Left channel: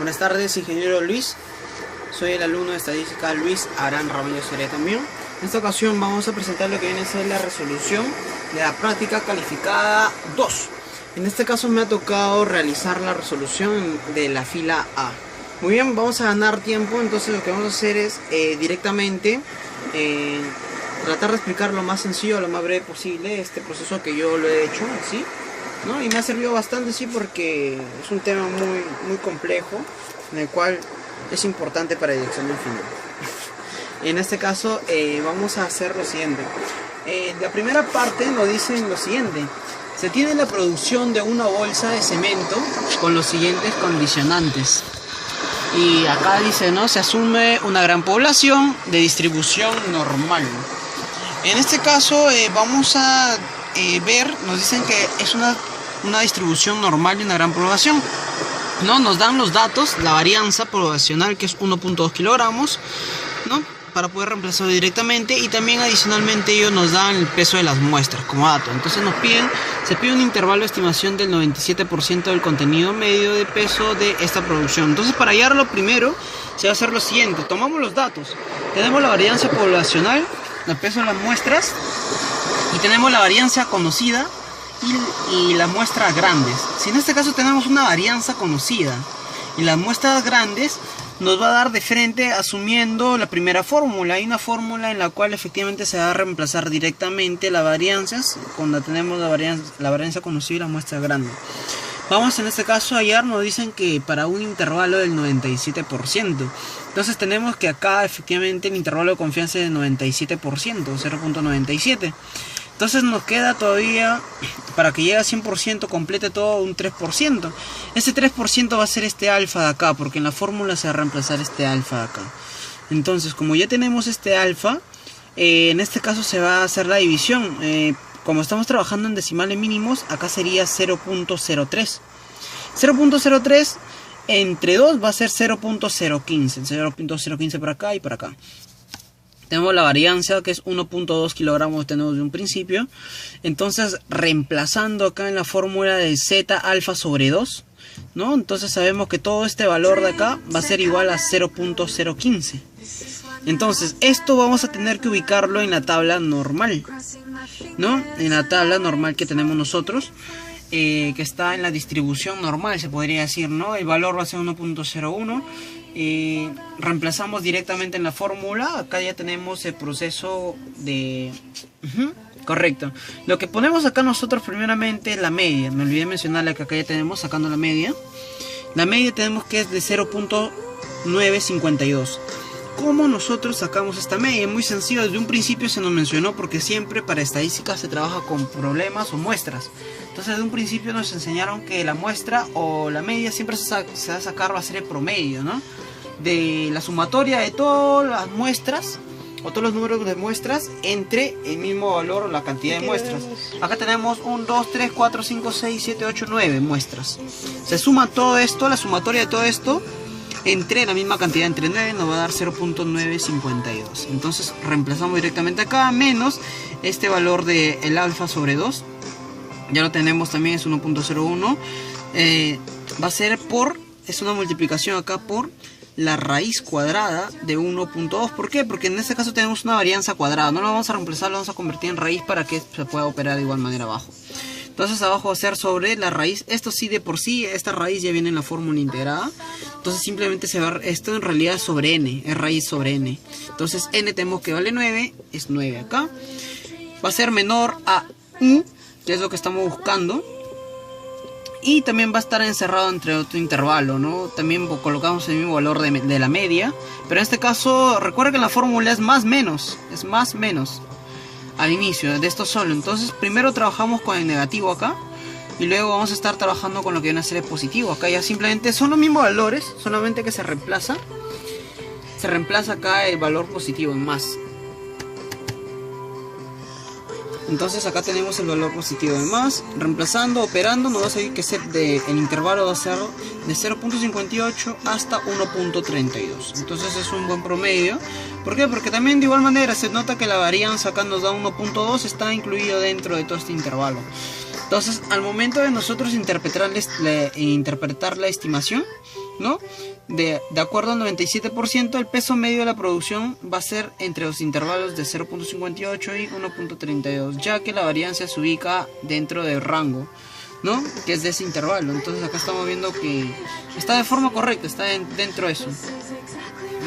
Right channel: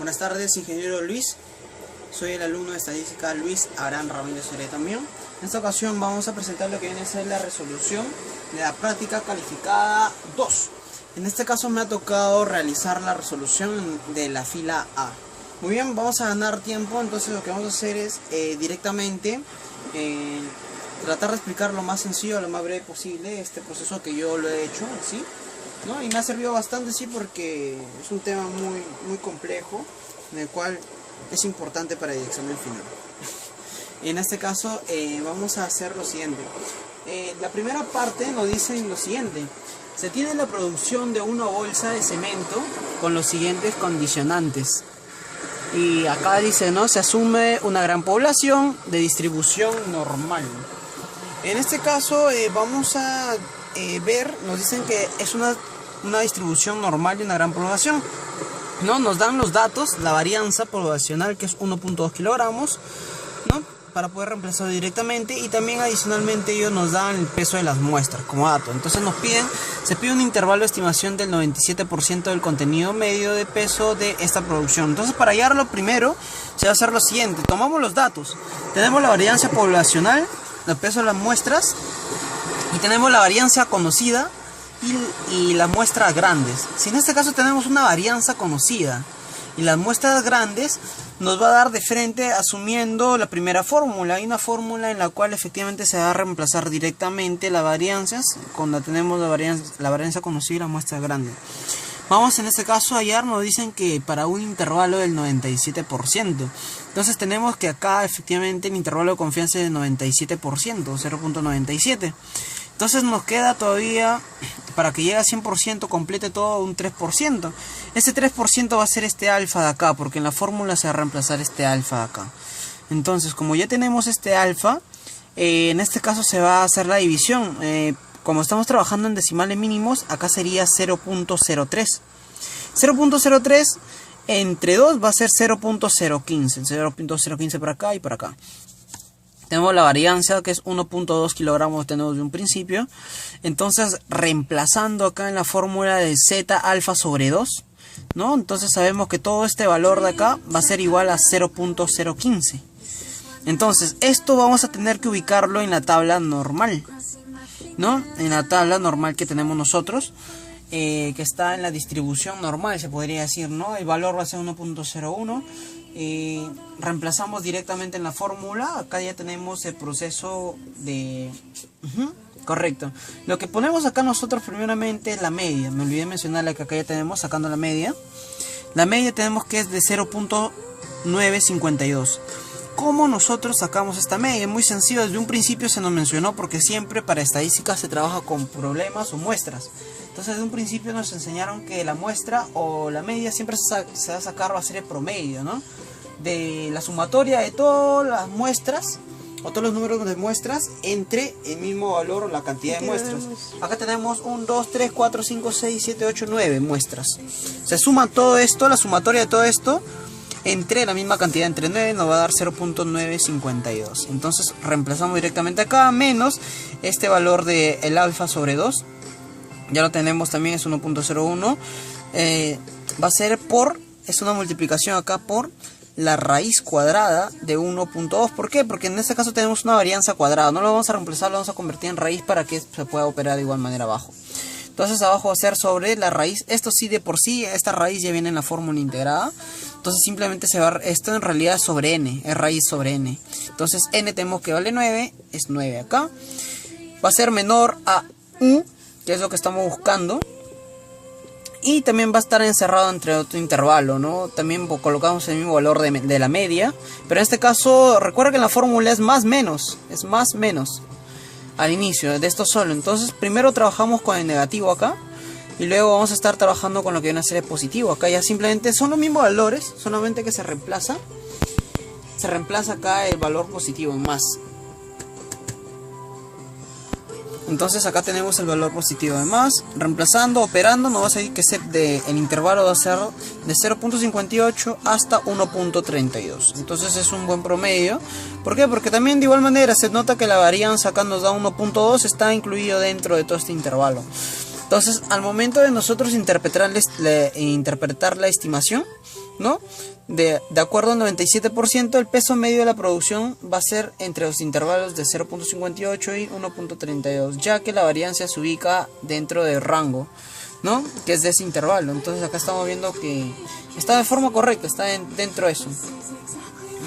Buenas tardes, ingeniero Luis. Soy el alumno de estadística Luis Abraham Ramallo Seré también. En esta ocasión vamos a presentar lo que viene a ser la resolución de la práctica calificada 2. En este caso me ha tocado realizar la resolución de la fila A. Muy bien, vamos a ganar tiempo, entonces lo que vamos a hacer es directamente tratar de explicar lo más sencillo, lo más breve posible este proceso que yo lo he hecho así, ¿no? Y me ha servido bastante, sí, porque es un tema muy complejo, en el cual es importante para el examen final. En este caso vamos a hacer lo siguiente. La primera parte nos dice lo siguiente: se tiene la producción de una bolsa de cemento con los siguientes condicionantes. Y acá dice, ¿no? Se asume una gran población de distribución normal. En este caso vamos a ver, nos dicen que es una distribución normal de una gran población, ¿no? Nos dan los datos, la varianza poblacional, que es 1.2 kilogramos, ¿no? Para poder reemplazarlo directamente, y también adicionalmente ellos nos dan el peso de las muestras como dato. Entonces se pide un intervalo de estimación del 97% del contenido medio de peso de esta producción. Entonces, para hallarlo primero se va a hacer lo siguiente: tomamos los datos, tenemos la varianza poblacional, el peso de las muestras, y tenemos la varianza conocida y las muestras grandes. Si en este caso tenemos una varianza conocida y las muestras grandes, nos va a dar de frente asumiendo la primera fórmula. Hay una fórmula en la cual efectivamente se va a reemplazar directamente las varianzas cuando tenemos la varianza conocida y la muestra grande. Vamos en este caso a hallar, nos dicen que para un intervalo del 97%. Entonces tenemos que acá efectivamente el intervalo de confianza es de 97%, 0.97. Entonces nos queda todavía, para que llegue a 100%, complete todo, un 3%. Ese 3% va a ser este alfa de acá, porque en la fórmula se va a reemplazar este alfa de acá. Entonces, como ya tenemos este alfa, en este caso se va a hacer la división. Como estamos trabajando en decimales mínimos, acá sería 0.03. 0.03 entre 2 va a ser 0.015. 0.015 por acá y por acá. Tenemos la varianza, que es 1.2 kilogramos, tenemos de un principio. Entonces, reemplazando acá en la fórmula de z alfa sobre 2, ¿no? Entonces sabemos que todo este valor de acá va a ser igual a 0.015. Entonces, esto vamos a tener que ubicarlo en la tabla normal, ¿no? En la tabla normal que tenemos nosotros, que está en la distribución normal, se podría decir, ¿no? El valor va a ser 1.01. Reemplazamos directamente en la fórmula. Acá ya tenemos el proceso de... correcto. Lo que ponemos acá nosotros primeramente es la media. Me olvidé mencionarle que acá ya tenemos, sacando la media. La media tenemos que es de 0.952. ¿Cómo nosotros sacamos esta media? Es muy sencillo. Desde un principio se nos mencionó, porque siempre para estadística se trabaja con problemas o muestras. Entonces, desde un principio nos enseñaron que la muestra o la media siempre se va a sacar, va a ser el promedio, ¿no? De la sumatoria de todas las muestras o todos los números de muestras entre el mismo valor o la cantidad de muestras. Acá tenemos 1, 2, 3, 4, 5, 6, 7, 8, 9 muestras. Se suma todo esto, la sumatoria de todo esto entre la misma cantidad, entre 9, nos va a dar 0.952. Entonces reemplazamos directamente acá, menos este valor de el alfa sobre 2. Ya lo tenemos también, es 1.01. Va a ser es una multiplicación acá por la raíz cuadrada de 1.2. ¿Por qué? Porque en este caso tenemos una varianza cuadrada. No lo vamos a reemplazar, lo vamos a convertir en raíz para que se pueda operar de igual manera abajo. Entonces abajo va a ser sobre la raíz. Esto sí, de por sí, esta raíz ya viene en la fórmula integrada. Entonces simplemente esto en realidad es sobre n, es raíz sobre n. Entonces n tenemos que vale 9, es 9 acá. Va a ser menor a u, que es lo que estamos buscando. Y también va a estar encerrado entre otro intervalo, ¿no? También colocamos el mismo valor de la media. Pero en este caso, recuerda que en la fórmula es más menos. Es más menos al inicio de esto solo. Entonces primero trabajamos con el negativo acá, y luego vamos a estar trabajando con lo que viene a ser el positivo. Acá ya simplemente son los mismos valores, solamente que se reemplaza acá el valor positivo en más. Entonces acá tenemos el valor positivo de más. Reemplazando, operando, nos va a salir que el intervalo va a ser de 0.58 hasta 1.32. Entonces es un buen promedio. ¿Por qué? Porque también de igual manera se nota que la varianza acá nos da 1.2, está incluido dentro de todo este intervalo. Entonces, al momento de nosotros interpretar la estimación, ¿no? De acuerdo al 97%, el peso medio de la producción va a ser entre los intervalos de 0.58 y 1.32, ya que la variancia se ubica dentro del rango, ¿no? Que es de ese intervalo. Entonces acá estamos viendo que está de forma correcta, está dentro de eso,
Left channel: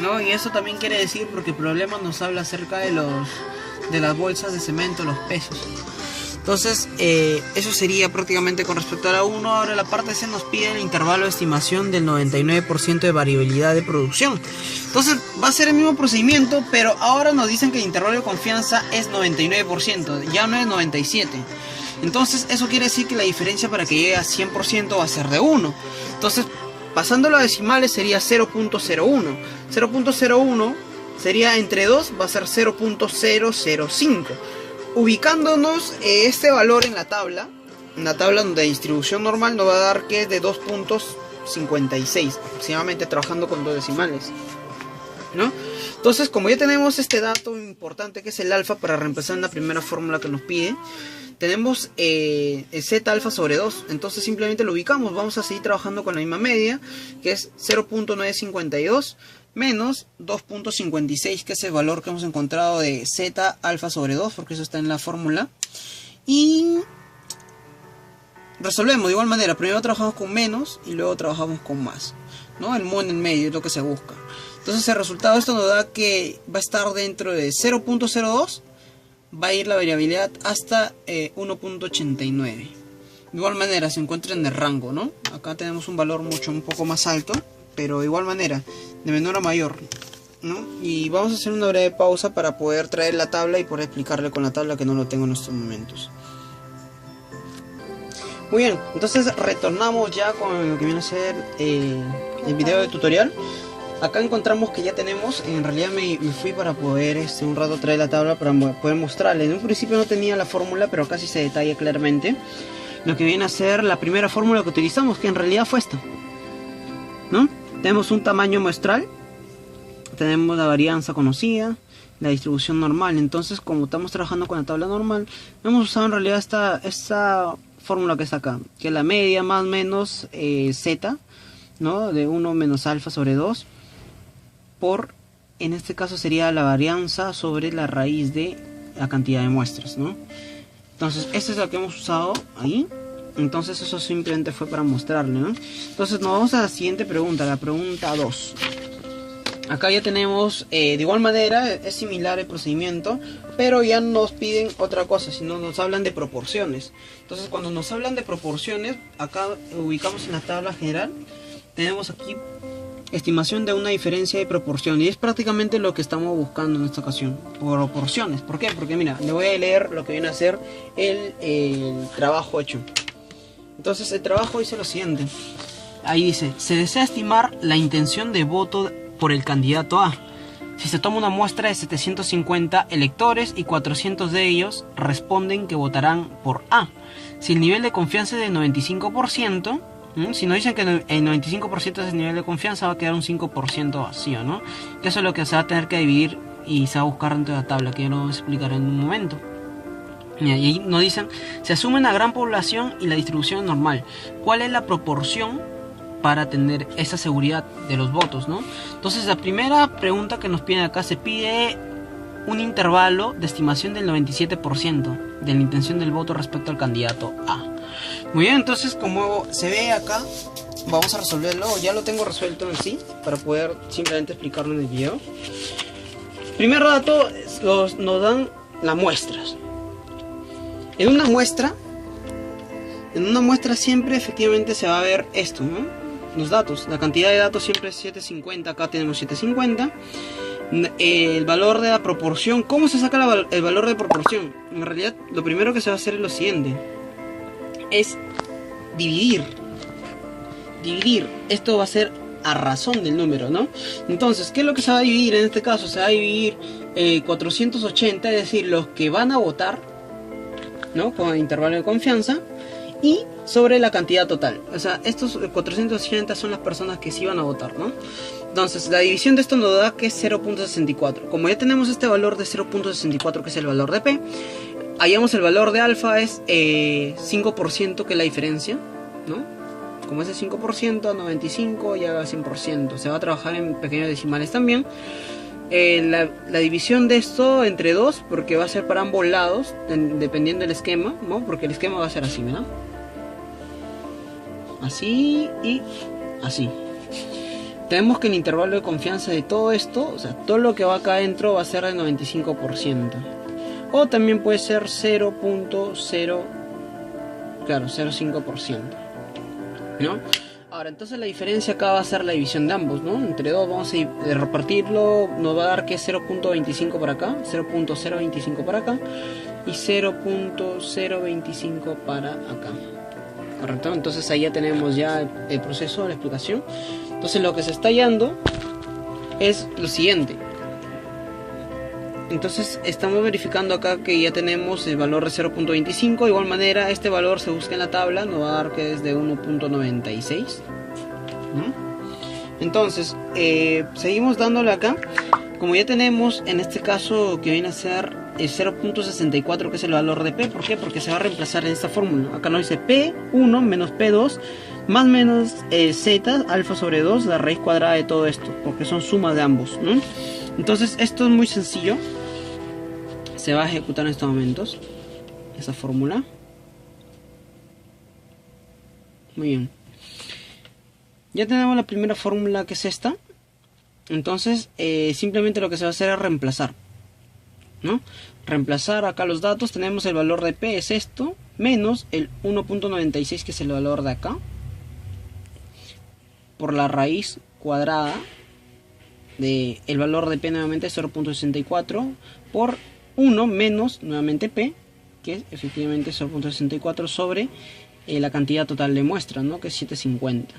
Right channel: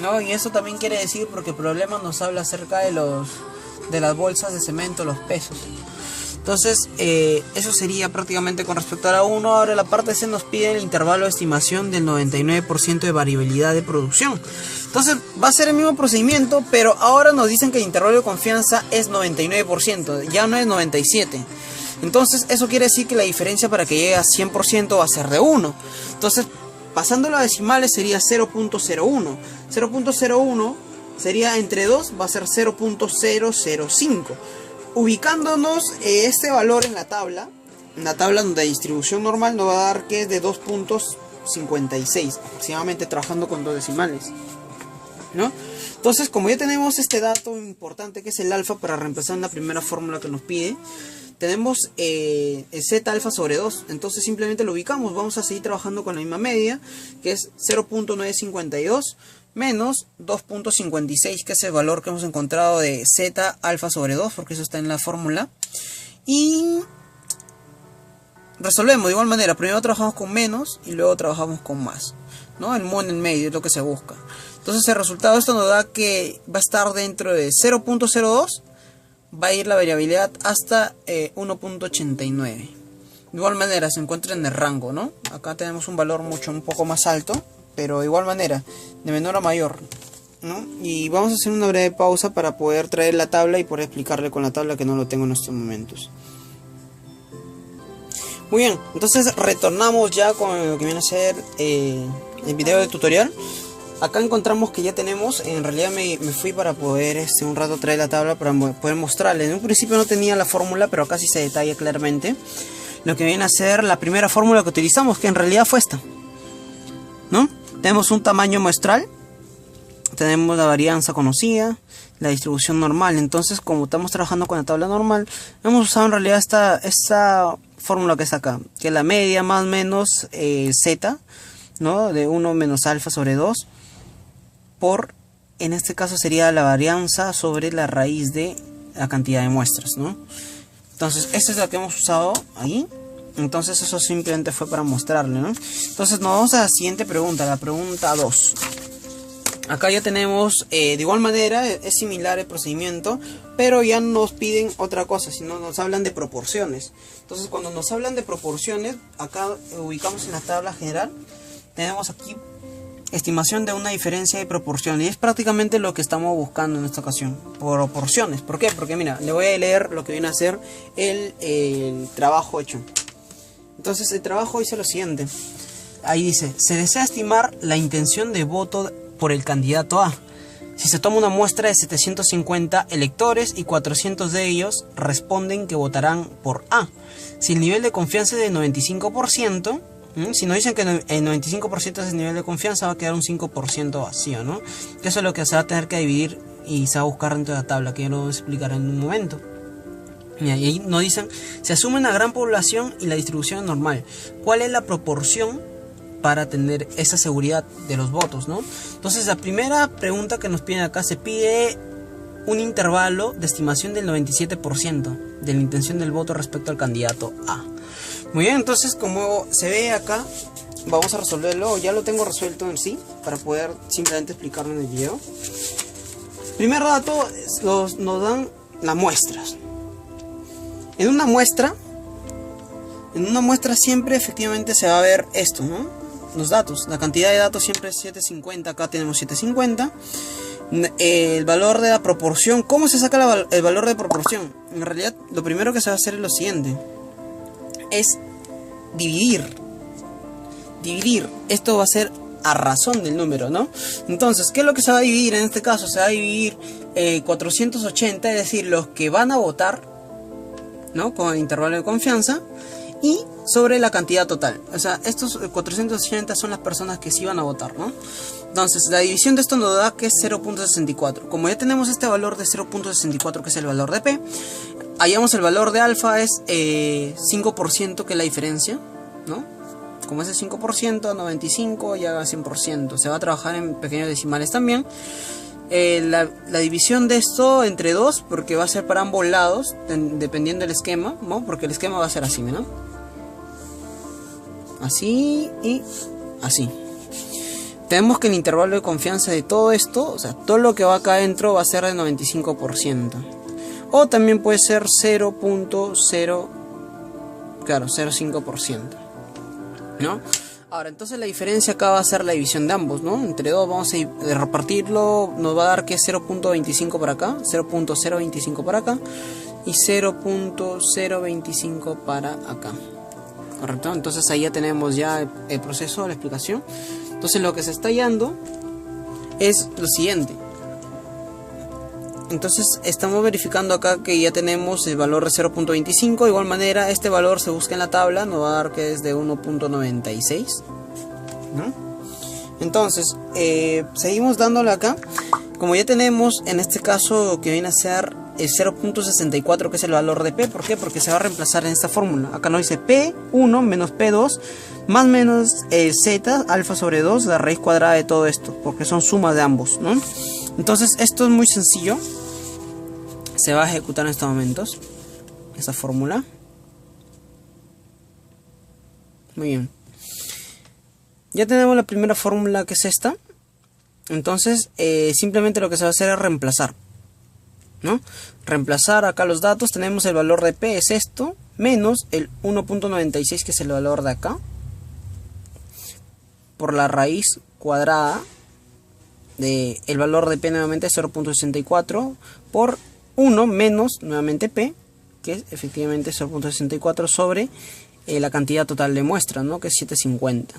¿no? Y eso también quiere decir, porque el problema nos habla acerca de las bolsas de cemento, los pesos. Entonces, eso sería prácticamente con respecto a la 1. Ahora la parte C nos pide el intervalo de estimación del 99% de variabilidad de producción. Entonces, va a ser el mismo procedimiento, pero ahora nos dicen que el intervalo de confianza es 99%, ya no es 97%. Entonces, eso quiere decir que la diferencia para que llegue a 100% va a ser de 1. Entonces, pasándolo a decimales sería 0.01. 0.01 sería entre 2, va a ser 0.005. Ubicándonos este valor en la tabla de distribución normal nos va a dar que es de 2.56 aproximadamente, trabajando con 2 decimales, ¿no? Entonces, como ya tenemos este dato importante que es el alfa para reemplazar en la primera fórmula que nos pide, tenemos z alfa sobre 2, entonces simplemente lo ubicamos. Vamos a seguir trabajando con la misma media, que es 0.952 menos 2.56, que es el valor que hemos encontrado de z alfa sobre 2, porque eso está en la fórmula. Y resolvemos de igual manera. Primero trabajamos con menos y luego trabajamos con más, ¿no? El mono en medio es lo que se busca. Entonces el resultado de esto nos da que va a estar dentro de 0.02, va a ir la variabilidad hasta 1.89. De igual manera se encuentra en el rango, ¿no? Acá tenemos un valor un poco más alto, pero de igual manera, de menor a mayor, ¿no? Y vamos a hacer una breve pausa para poder traer la tabla y poder explicarle con la tabla, que no lo tengo en estos momentos. Muy bien, entonces retornamos ya con lo que viene a ser el video de tutorial. Acá encontramos que ya tenemos, en realidad me fui para poder un rato traer la tabla para poder mostrarles. En un principio no tenía la fórmula, pero acá sí se detalla claramente lo que viene a ser la primera fórmula que utilizamos, que en realidad fue esta, ¿no? Tenemos un tamaño muestral, tenemos la varianza conocida, la distribución normal. Entonces, como estamos trabajando con la tabla normal, hemos usado en realidad esta fórmula que está acá, que es la media más menos z, ¿no? De 1 menos alfa sobre 2 por, en este caso sería la varianza sobre la raíz de la cantidad de muestras, ¿no? Entonces, esta es la que hemos usado ahí. Entonces eso simplemente fue para mostrarle, ¿no? Entonces nos vamos a la siguiente pregunta, la pregunta 2. Acá ya tenemos, de igual manera, es similar el procedimiento, pero ya nos piden otra cosa, sino nos hablan de proporciones. Entonces cuando nos hablan de proporciones, acá ubicamos en la tabla general, tenemos aquí estimación de una diferencia de proporción, y es prácticamente lo que estamos buscando en esta ocasión, proporciones. ¿Por qué? Porque mira, le voy a leer lo que viene a ser el trabajo hecho. Entonces el trabajo dice lo siguiente. Ahí dice: se desea estimar la intención de voto por el candidato A. Si se toma una muestra de 750 electores y 400 de ellos responden que votarán por A. Si el nivel de confianza es de 95%, si nos dicen que el 95% es el nivel de confianza, va a quedar un 5% vacío, ¿no? Que eso es lo que se va a tener que dividir y se va a buscar dentro de la tabla, que ya lo vamos a explicar en un momento. Y ahí nos dicen: se asume una gran población y la distribución es normal. ¿Cuál es la proporción para tener esa seguridad de los votos, ¿no? Entonces la primera pregunta que nos piden acá, se pide un intervalo de estimación del 97% de la intención del voto respecto al candidato A. Muy bien, entonces como se ve acá, vamos a resolverlo. Ya lo tengo resuelto en sí, para poder simplemente explicarlo en el video. Primer dato, nos dan las muestras. En una muestra siempre efectivamente se va a ver esto, ¿no? Los datos, la cantidad de datos siempre es 750, acá tenemos 750. El valor de la proporción, ¿cómo se saca el valor de proporción? En realidad lo primero que se va a hacer es lo siguiente, es dividir. Esto va a ser a razón del número, ¿no? Entonces, ¿qué es lo que se va a dividir en este caso? Se va a dividir 480, es decir, los que van a votar, ¿no? Con el intervalo de confianza, y sobre la cantidad total. O sea, estos 480 son las personas que sí van a votar, ¿no? Entonces, la división de esto nos da que es 0.64. Como ya tenemos este valor de 0.64, que es el valor de P, hallamos el valor de alfa es 5%, que es la diferencia, ¿no? como es el 5% a 95 y al 100%. Se va a trabajar en pequeños decimales también. La división de esto entre 2, porque va a ser para ambos lados, dependiendo del esquema, ¿no? Porque el esquema va a ser así, ¿no? Así y así. Tenemos que el intervalo de confianza de todo esto, o sea, todo lo que va acá adentro va a ser de 95%. O también puede ser 0.05%, ¿no? Ahora, entonces la diferencia acá va a ser la división de ambos, ¿no? Entre 2 vamos a repartirlo, nos va a dar que es 0.25 para acá, 0.025 para acá y 0.025 para acá. Correcto, entonces ahí ya tenemos ya el proceso, la explicación. Entonces lo que se está hallando es lo siguiente. Entonces estamos verificando acá que ya tenemos el valor de 0.25. De igual manera este valor se busca en la tabla, nos va a dar que es de 1.96, ¿no? Entonces seguimos dándole acá. Como ya tenemos en este caso que viene a ser el 0.64, que es el valor de P. ¿Por qué? Porque se va a reemplazar en esta fórmula. Acá nos dice P1 menos P2 más menos Z alfa sobre 2, la raíz cuadrada de todo esto, porque son sumas de ambos, ¿no? Entonces esto es muy sencillo. Se va a ejecutar en estos momentos esa fórmula. Muy bien. Ya tenemos la primera fórmula, que es esta. Entonces simplemente lo que se va a hacer es reemplazar, ¿no? Reemplazar acá los datos. Tenemos el valor de P, es esto, menos el 1.96, que es el valor de acá, por la raíz cuadrada de el valor de P, nuevamente 0.64, por 1 menos nuevamente P, que es efectivamente 0.64 sobre la cantidad total de muestra, ¿no? Que es 750,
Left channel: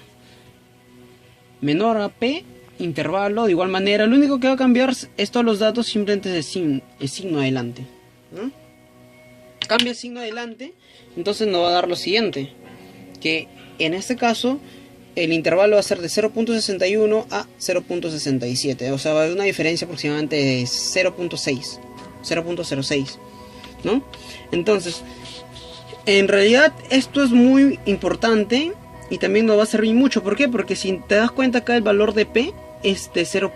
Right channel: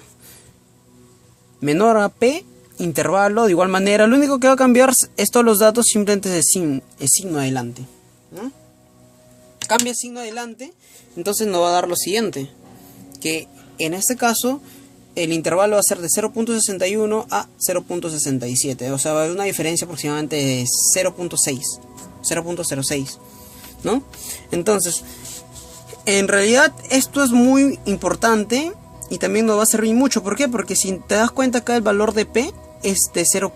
menor a P, intervalo. De igual manera, lo único que va a cambiar es todos los datos, simplemente es el signo adelante, ¿no? Cambia el signo adelante, entonces nos va a dar lo siguiente, que en este caso el intervalo va a ser de 0.61 a 0.67, o sea, va a haber una diferencia aproximadamente de 0.06, ¿no? Entonces, en realidad esto es muy importante y también nos va a servir mucho. ¿Por qué? Porque si te das cuenta acá el valor de P es de 0.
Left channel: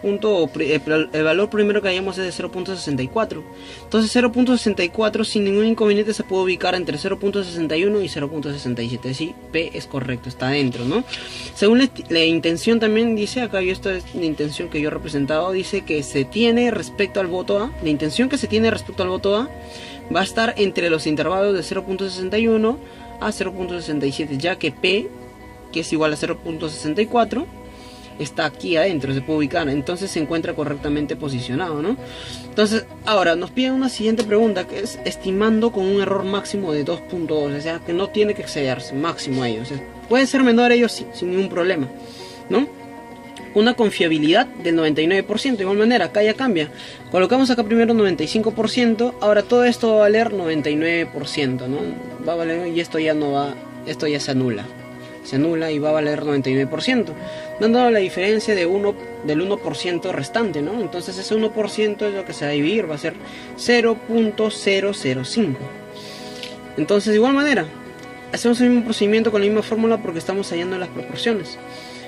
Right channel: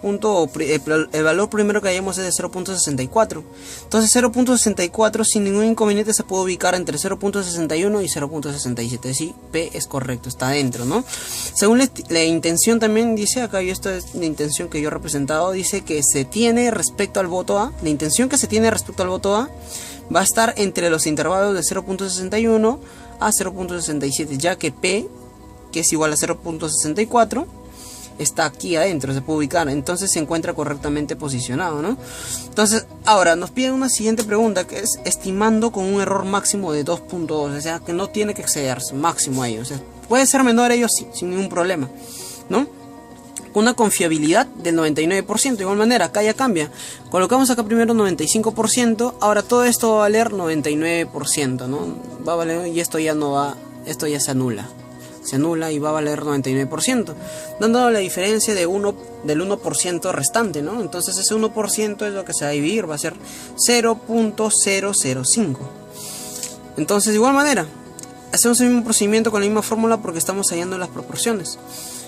El valor primero que hayamos es de 0.64. Entonces 0.64 sin ningún inconveniente se puede ubicar entre 0.61 y 0.67. Sí, P es correcto, está dentro, ¿no? Según la intención también dice acá, y esto es la intención que yo he representado, dice que se tiene respecto al voto A. La intención que se tiene respecto al voto A va a estar entre los intervalos de 0.61 a 0.67, ya que P, que es igual a 0.64, está aquí adentro, se puede ubicar, entonces se encuentra correctamente posicionado, ¿no? Entonces, ahora nos piden una siguiente pregunta, que es estimando con un error máximo de 2.2, o sea, que no tiene que excederse, máximo a ello, o sea, puede ser menor a ello sí, sin ningún problema, ¿no? Una confiabilidad del 99%, de igual manera, acá ya cambia, colocamos acá primero 95%, ahora todo esto va a valer 99%, ¿no? Va a valer, y esto ya no va, esto ya se anula y va a valer 99%, dando la diferencia de del 1% restante, ¿no? Entonces ese 1% es lo que se va a dividir, va a ser 0.005. Entonces de igual manera hacemos el mismo procedimiento con la misma fórmula, porque estamos hallando las proporciones.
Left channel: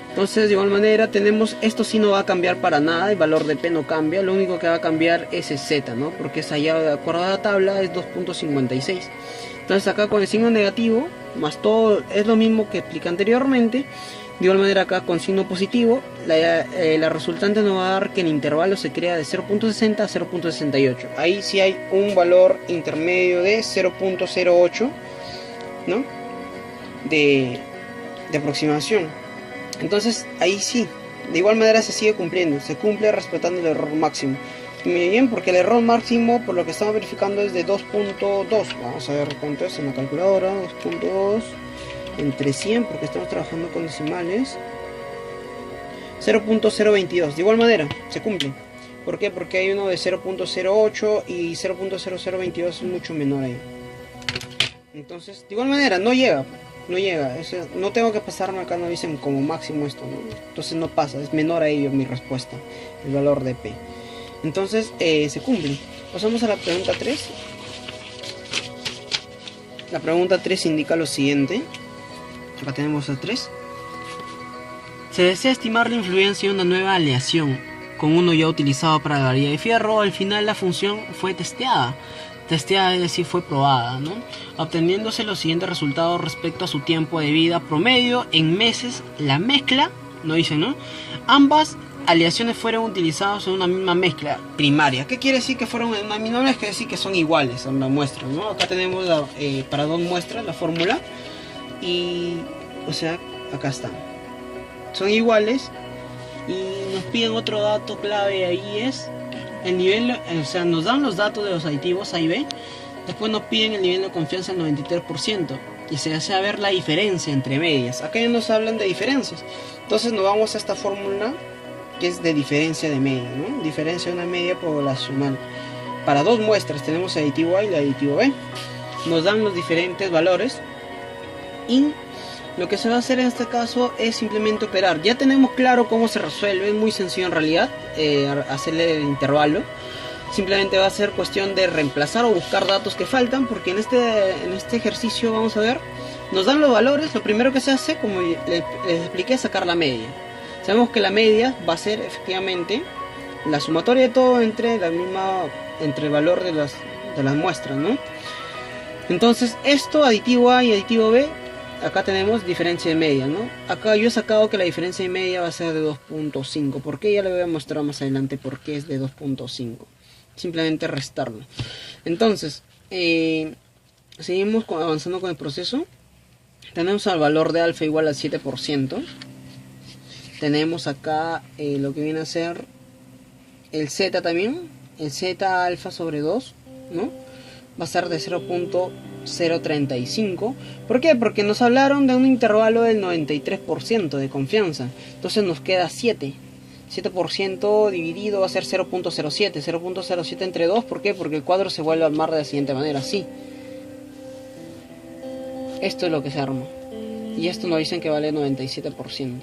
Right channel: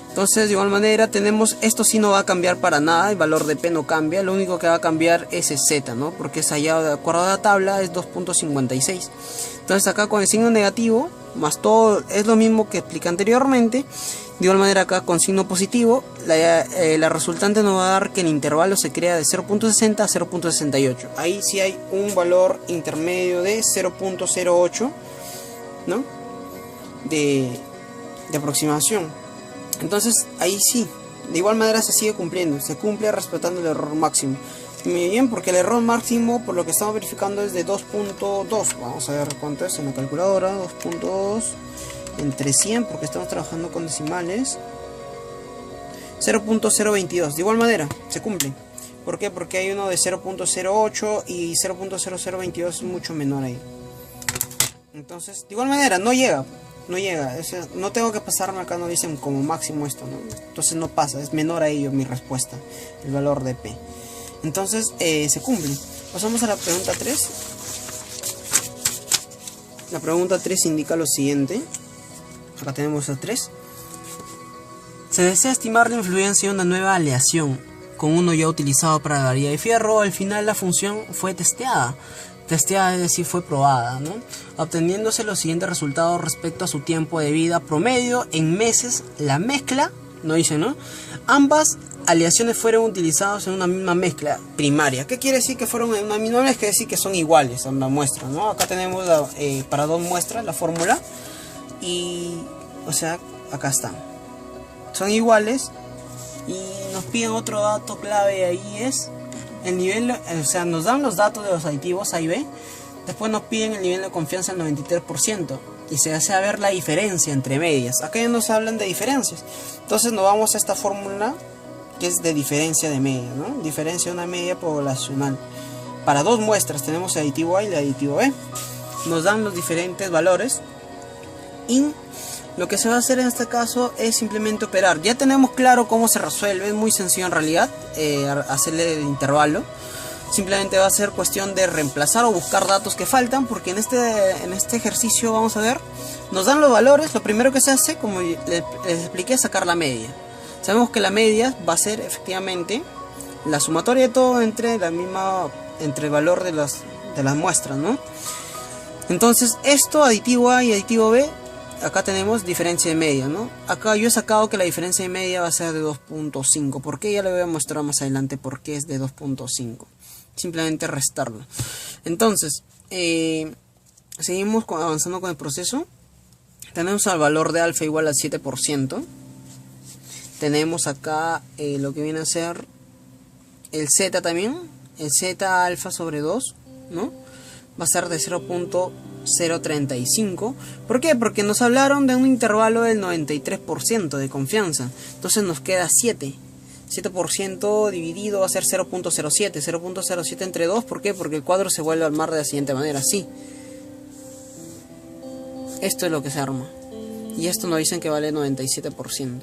Entonces de igual manera tenemos, esto sí no va a cambiar para nada, el valor de P no cambia, lo único que va a cambiar es el Z, ¿no? Porque es allá, de acuerdo a la tabla, es 2.56. Entonces acá con el signo negativo más todo es lo mismo que expliqué anteriormente. De igual manera acá con signo positivo, la resultante nos va a dar que el intervalo se crea de 0.60 a 0.68. Ahí sí hay un valor intermedio de 0.08, ¿no? de aproximación. Entonces ahí sí, de igual manera se sigue cumpliendo, se cumple respetando el error máximo. Muy bien, porque el error máximo, por lo que estamos verificando, es de 2.2. Vamos a ver cuánto es en la calculadora. 2.2 entre 100, porque estamos trabajando con decimales. 0.022. De igual manera, se cumple. ¿Por qué? Porque hay uno de 0.08 y 0.0022 es mucho menor ahí. Entonces, de igual manera, no llega. O sea, no tengo que pasarme acá, no dicen como máximo esto, ¿no? Entonces no pasa, es menor a ello mi respuesta, el valor de P. Entonces se cumple. Pasamos a la pregunta 3. La pregunta 3 indica lo siguiente. Acá tenemos a 3. Se desea estimar la influencia de una nueva aleación con uno ya utilizado para la galería de fierro. Al final la función fue testeada, es decir, fue probada, ¿no? Obteniéndose los siguientes resultados respecto a su tiempo de vida promedio en meses. La mezcla, no dice, ¿no? Ambas aleaciones fueron utilizadas en una misma mezcla primaria. ¿Qué quiere decir que fueron en una misma mezcla? Quiere decir que son iguales a la muestra, ¿no? Acá tenemos para dos muestras la fórmula y, o sea, acá está. Son iguales y nos piden otro dato clave ahí, es el nivel, o sea, nos dan los datos de los aditivos A y B, después nos piden el nivel de confianza del 93% y se hace ver la diferencia entre medias. Acá ya nos hablan de diferencias, entonces nos vamos a esta fórmula que es de diferencia de media, ¿no? Diferencia de una media poblacional. Para dos muestras tenemos el aditivo A y el aditivo B, nos dan los diferentes valores y lo que se va a hacer en este caso es simplemente operar. Ya tenemos claro cómo se resuelve, es muy sencillo en realidad, hacerle el intervalo. Simplemente va a ser cuestión de reemplazar o buscar datos que faltan, porque en este ejercicio vamos a ver, nos dan los valores. Lo primero que se hace, como les expliqué, es sacar la media. Sabemos que la media va a ser efectivamente la sumatoria de todo entre el valor de las muestras, ¿no? Entonces esto, aditivo A y aditivo B, acá tenemos diferencia de media, ¿no? Acá yo he sacado que la diferencia de media va a ser de 2.5. ¿Por qué? Ya le voy a mostrar más adelante por qué es de 2.5. Simplemente restarlo. Entonces, seguimos avanzando con el proceso. Tenemos al valor de alfa igual al 7%. Tenemos acá lo que viene a ser el z también. El z alfa sobre 2, ¿no? Va a ser de 0.035. ¿Por qué? Porque nos hablaron de un intervalo del 93% de confianza. Entonces nos queda 7. 7% dividido va a ser 0.07. 0.07 entre 2. ¿Por qué? Porque el cuadro se vuelve a armar de la siguiente manera. Así. Esto es lo que se arma. Y esto nos dicen que vale 97%.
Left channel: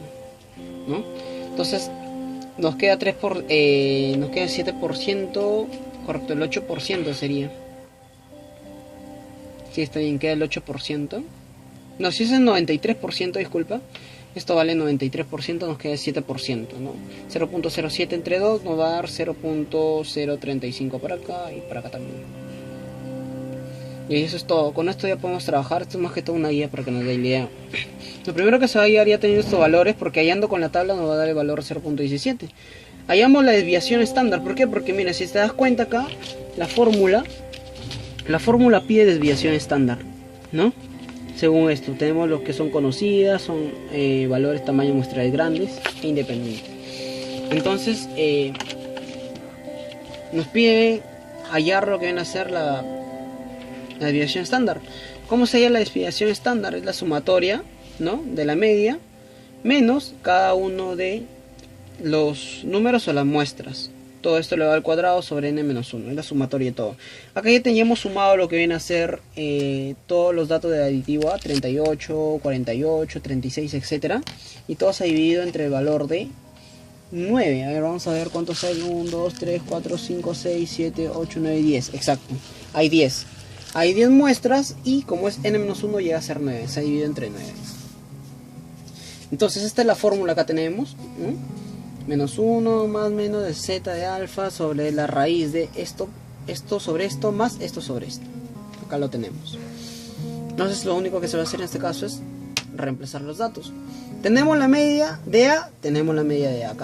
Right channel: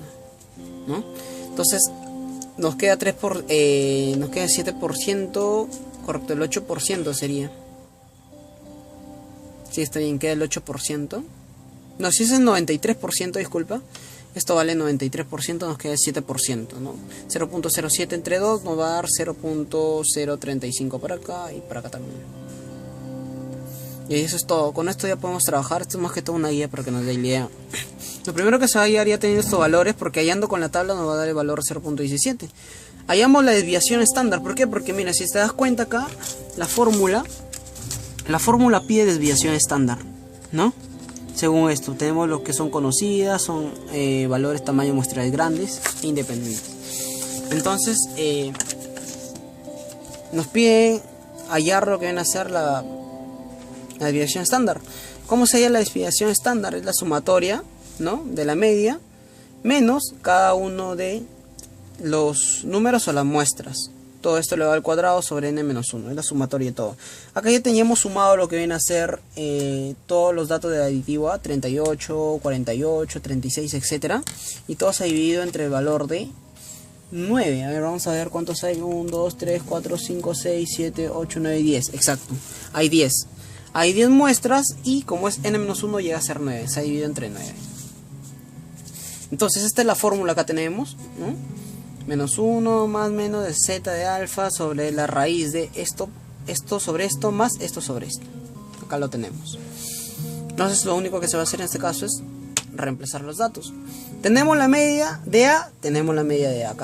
¿No? Entonces nos queda 7%. Correcto, el 8% sería. Sí, está bien, queda el 8%. No, si es el 93%, disculpa. Esto vale 93%, nos queda el 7%, ¿no? 0.07 entre 2 nos va a dar 0.035 para acá y para acá también. Y eso es todo. Con esto ya podemos trabajar. Esto es más que todo una guía para que nos dé idea. Lo primero que se va a guiar ya teniendo estos valores, porque hallando con la tabla nos va a dar el valor 0.17. Hallamos la desviación estándar. ¿Por qué? Porque mira, si te das cuenta acá, la fórmula pide desviación estándar, ¿no? Según esto, tenemos lo que son conocidas, son valores tamaño muestral grandes e independientes. Entonces, nos pide hallar lo que viene a ser la desviación estándar. ¿Cómo se halla la desviación estándar? Es la sumatoria, ¿no?, de la media menos cada uno de los números o las muestras. Todo esto elevado al cuadrado sobre n-1, es la sumatoria de todo. Acá ya teníamos sumado lo que viene a ser todos los datos de aditivo A, 38, 48, 36, etc. Y todo se ha dividido entre el valor de 9. A ver, vamos a ver cuántos hay. 1, 2, 3, 4, 5, 6, 7, 8, 9 y 10. Exacto, hay 10. Hay 10 muestras y como es n-1 llega a ser 9. Se ha dividido entre 9. Entonces esta es la fórmula que tenemos, ¿no? Menos 1 más menos de z de alfa sobre la raíz de esto sobre esto más esto sobre esto. Acá lo tenemos. Entonces lo único que se va a hacer en este caso es reemplazar los datos. Tenemos la media de A, tenemos la media de A.